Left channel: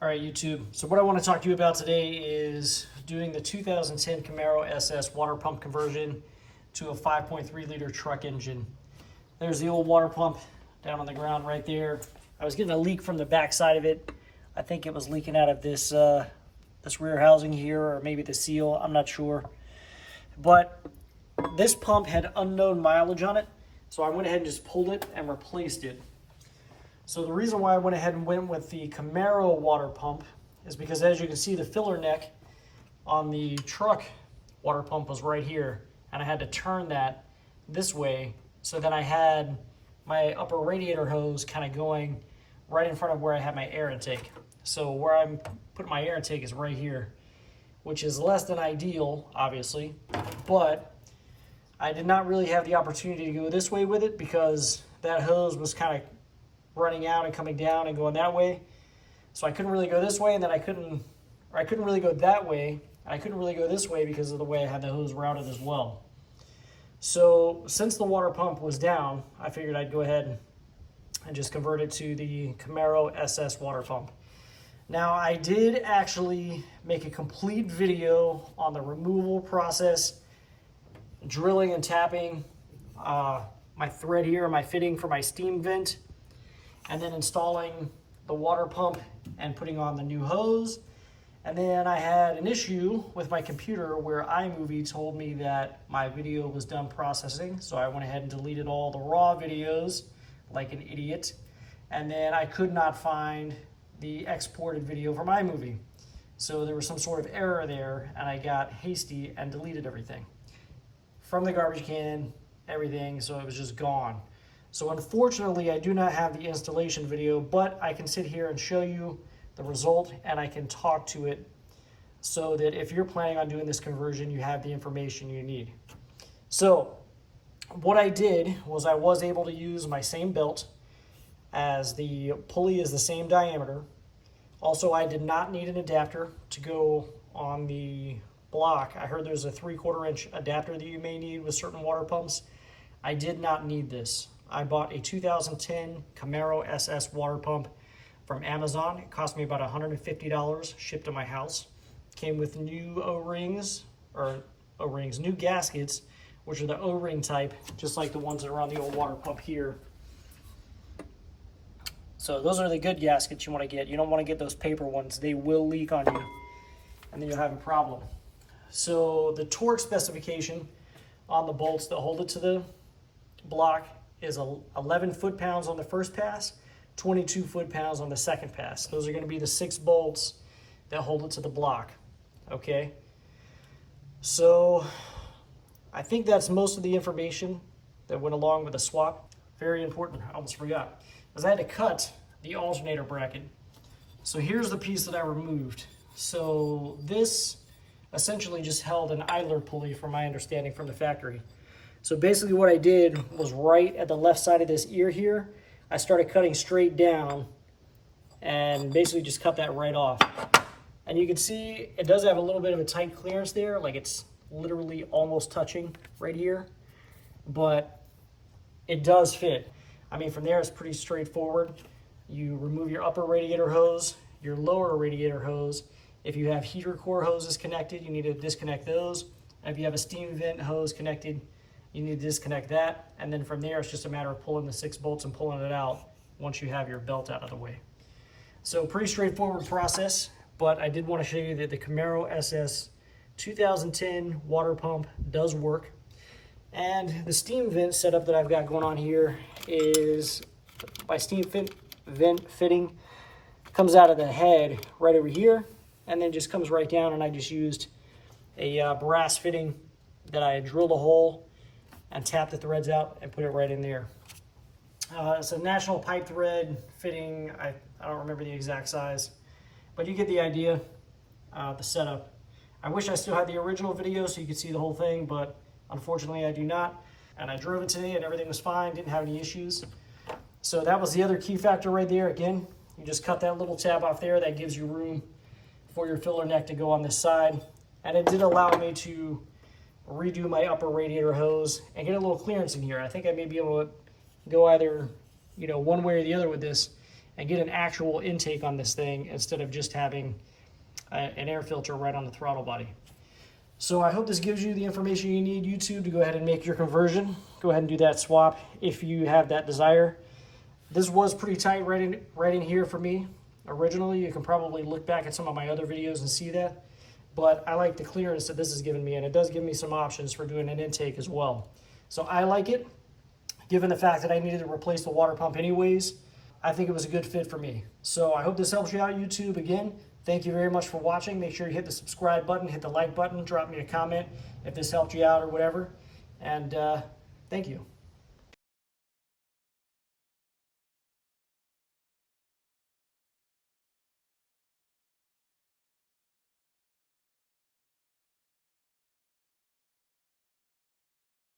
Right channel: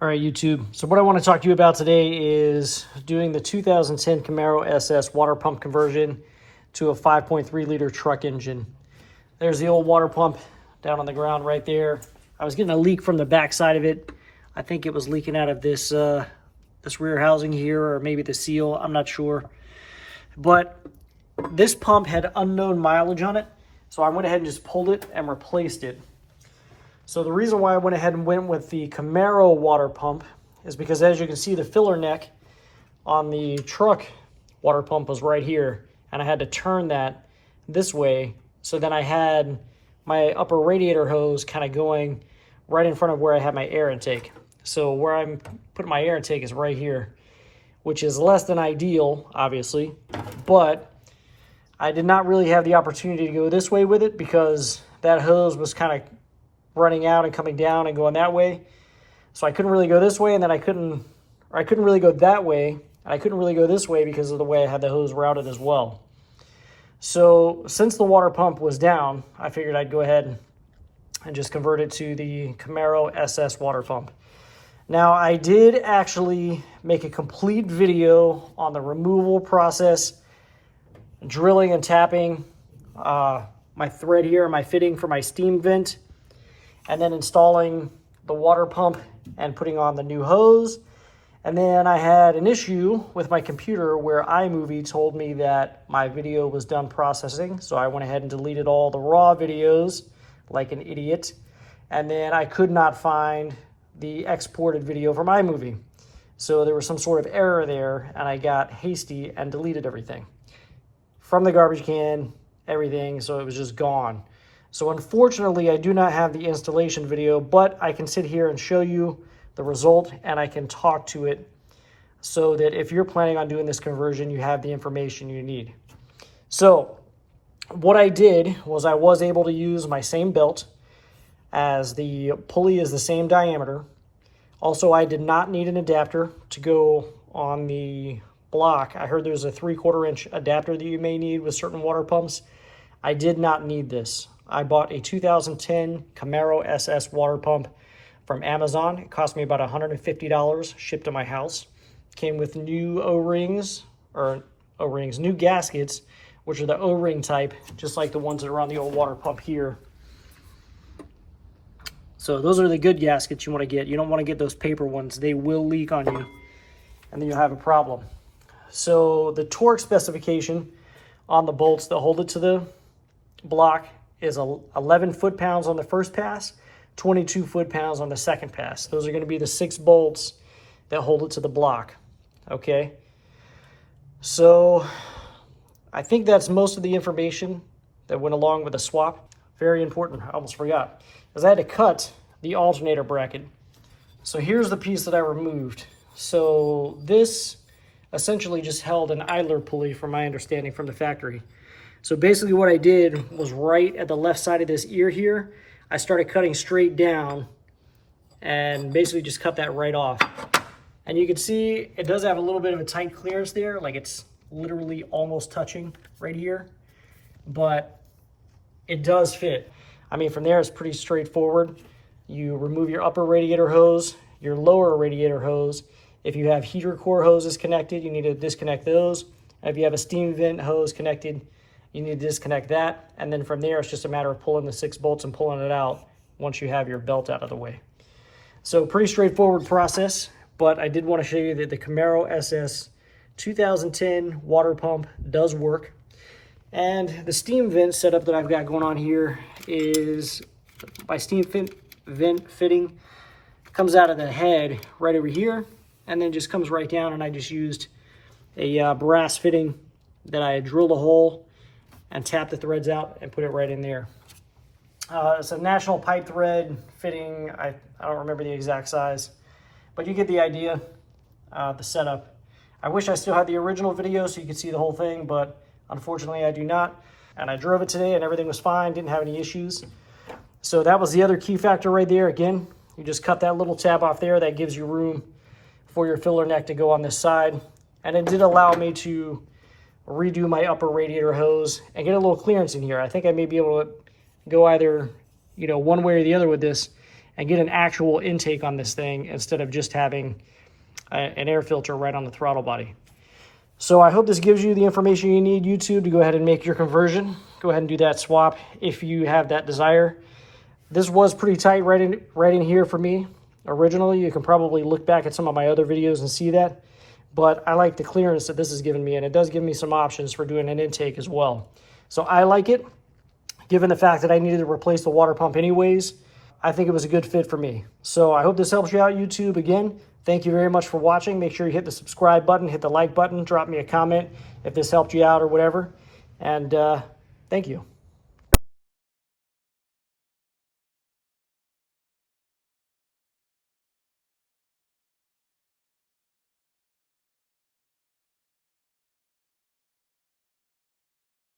All right, YouTube. So what I want to talk to you about today is doing the 2010 Camaro SS water pump conversion to a 5.3 liter truck engine. There's the old water pump down on the ground right there. I was getting a leak from the back side of it. I think it was leaking out of this this rear housing here, or maybe the seal. I'm not sure. But this pump had unknown mileage on it, so I went ahead and just pulled it and replaced it. So the reason why I went ahead and went with the Camaro water pump is because, as you can see, the filler neck on the truck water pump was right here, and I had to turn that this way. So then I had my upper radiator hose kind of going right in front of where I had my air intake. So where I'm putting my air intake is right here, which is less than ideal, obviously, but I did not really have the opportunity to go this way with it because that hose was kind of running out and coming down and going that way. So I couldn't really go this way, and then I couldn't really go that way, and I couldn't really go this way because of the way I had the hose routed as well. So since the water pump was down, I figured I'd go ahead and just convert it to the Camaro SS water pump. Now, I did actually make a complete video on the removal process, drilling and tapping my thread here, my fitting for my steam vent, and then installing the water pump and putting on the new hose. And then I had an issue with my computer where iMovie told me that my video was done processing. So I went ahead and deleted all the raw videos like an idiot. And then I could not find the exported video from iMovie. So there was some sort of error there, and I got hasty and deleted everything from the garbage can, everything. So it was just gone. So unfortunately, I do not have the installation video, but I can sit here and show you the result, and I can talk to it so that if you're planning on doing this conversion, you have the information you need. So what I did was I was able to use my same belt, as the pulley is the same diameter. Also, I did not need an adapter to go on the block. I heard there's a 3/4 inch adapter that you may need with certain water pumps. I did not need this. I bought a 2010 Camaro SS water pump from Amazon. It cost me about $150 shipped to my house. Came with new new gaskets, which are the O-ring type, just like the ones that are on the old water pump here. So those are the good gaskets you want to get. You don't want to get those paper ones. They will leak on you, and then you'll have a problem. So the torque specification on the bolts that hold it to the block is 11 foot-pounds on the first pass, 22 foot-pounds on the second pass. Those are going to be the 6 bolts that hold it to the block, okay? So I think that's most of the information that went along with the swap. Very important, I almost forgot, because I had to cut the alternator bracket. So here's the piece that I removed. So this essentially just held an idler pulley, from my understanding, from the factory. So basically what I did was, right at the left side of this ear here, I started cutting straight down and basically just cut that right off. And you can see it does have a little bit of a tight clearance there, like it's literally almost touching right here, but it does fit. I mean, from there it's pretty straightforward. You remove your upper radiator hose, your lower radiator hose. If you have heater core hoses connected, you need to disconnect those. If you have a steam vent hose connected, you need to disconnect that. And then from there, it's just a matter of pulling the 6 bolts and pulling it out once you have your belt out of the way. So pretty straightforward process, but I did want to show you that the Camaro SS 2010 water pump does work. And the steam vent setup that I've got going on here is my steam vent fitting comes out of the head right over here, and then just comes right down, and I just used a brass fitting that I drilled a hole and tapped the threads out and put it right in there. It's a national pipe thread fitting. I don't remember the exact size, but you get the idea, the setup. I wish I still had the original video so you could see the whole thing, but unfortunately I do not. And I drove it today and everything was fine, didn't have any issues. So that was the other key factor right there. Again, you just cut that little tab off there. That gives you room for your filler neck to go on this side. And it did allow me to redo my upper radiator hose and get a little clearance in here. I think I may be able to go either, one way or the other with this and get an actual intake on this thing instead of just having an air filter right on the throttle body. So I hope this gives you the information you need, YouTube, to go ahead and make your conversion. Go ahead and do that swap if you have that desire. This was pretty tight right in here for me originally. You can probably look back at some of my other videos and see that. But I like the clearance that this has given me, and it does give me some options for doing an intake as well. So I like it. Given the fact that I needed to replace the water pump anyways, I think it was a good fit for me. So I hope this helps you out, YouTube. Again, thank you very much for watching. Make sure you hit the subscribe button, hit the like button, drop me a comment if this helped you out or whatever. And thank you.